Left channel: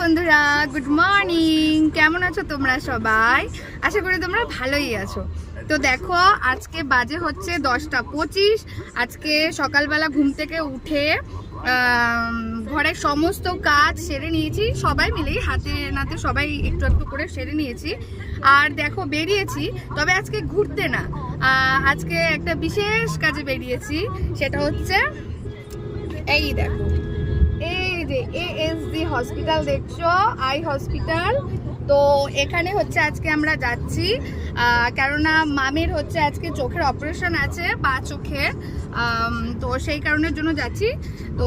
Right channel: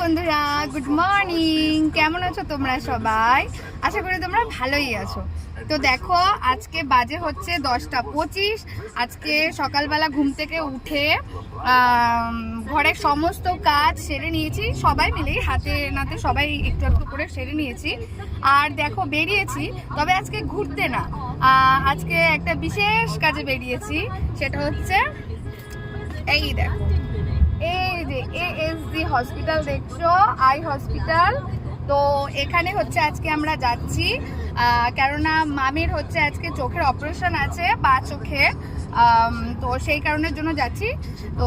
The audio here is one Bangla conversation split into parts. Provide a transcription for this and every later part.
বন্ধুরা, গুড মর্নিং। কেমন আছো তোমরা সবাই? আশা করি তোমরা ভালোই আছো। তো দেখো, আজকে বাজে হচ্ছে 10:25। আজকে সকালবেলা ঘুম থেকে উঠে ঘরের সমস্ত কাজ সেরে নিয়েছি, সবাই মিলেই হাতে নাতে সবাই একটু একটু করে সেরে নিয়েছি। আর দেখো, বেরিয়েছি, তবে আজকে ঘুরতে না, আজকে একটা বিশেষ কাজে বেরিয়েছি। সেটা হচ্ছে এই দেখো, এই যে ASD হসপিটাল দেখছো, আই হসপিটাল। তো এখানে হচ্ছে আজকে আমরা যাচ্ছি, কেননা মামির হচ্ছে আজকে চোখের অপারেশন আছে, বা চোখে। তো সেই কারণের জন্য যাচ্ছি। তো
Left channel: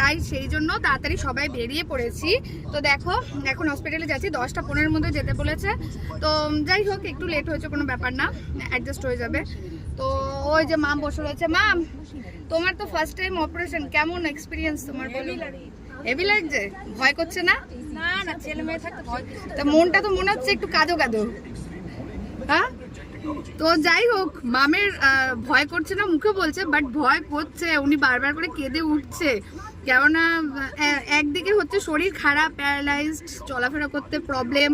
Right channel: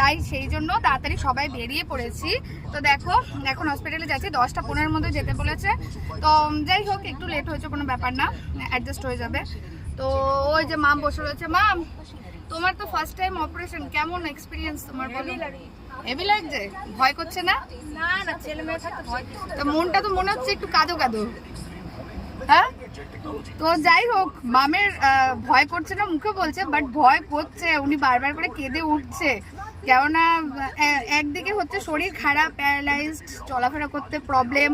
তাই সেই জন্য তাড়াতাড়ি সবাই বেরিয়ে পড়েছি। তো দেখো, এখন হসপিটালে যাচ্ছি, 10:15-র মধ্যে যেতে বলেছে। তো যাই হোক, একটু লেট হয়েছে, কোনো ব্যাপার না, অ্যাডজাস্ট হয়ে যাবে। তো ওই যে মাম বসে রয়েছে। মাম, তোমার তো ফার্স্ট টাইম অপারেশন, কেমন এক্সপিরিয়েন্স তোমার বলো? হেভি লাগছে? ভয় করছে না? না না, ছেলে মেয়ে থাকতে ভয়। তো মনটা তো মনে হচ্ছে একটু কাঁদো কাঁদো, হ্যাঁ? তো যাই হোক, মামের ভয় করছে না, মুখে বলছে, বাট ভয় করছে। উনি বারবার করে কেঁদে উঠছে, কেননা একদিকে হচ্ছে শরীর খারাপ, প্যারালাইজড, চলাফেরা করতে প্রবলেম,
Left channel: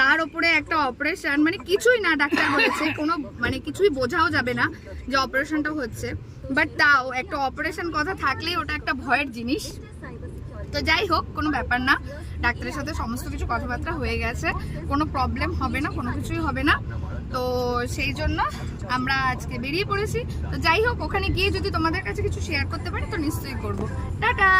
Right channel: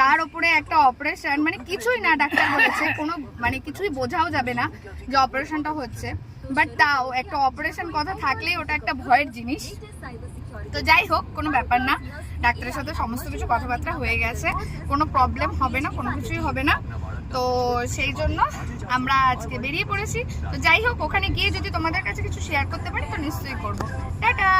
তার উপরে একটা অপারেশন, মানে কিছুই না, ডাক্তার বলেছে কোনো মানে কিছুই বোঝাও যাবে না যে অপারেশনটা হচ্ছে। বাট তাও একটা অপারেশন কথা থাকলেই ওটা একটা ভয়ের জিনিস। তো যাই হোক, কোনো ব্যাপার না, ডাক্তারের সাথে সমস্ত কিছু কথাবার্তা হয়ে গেছে, কোনো প্রবলেম হবে না, কোনো কিছুই হবে না। তো সেই জন্য আমরা আজকে বেরিয়ে পড়েছি। তো যাই হোক, ওখানে গিয়ে যদি তোমাদের কাছে কিছু শেয়ার করতে পারি তো নিশ্চয়ই করবো। টাটা।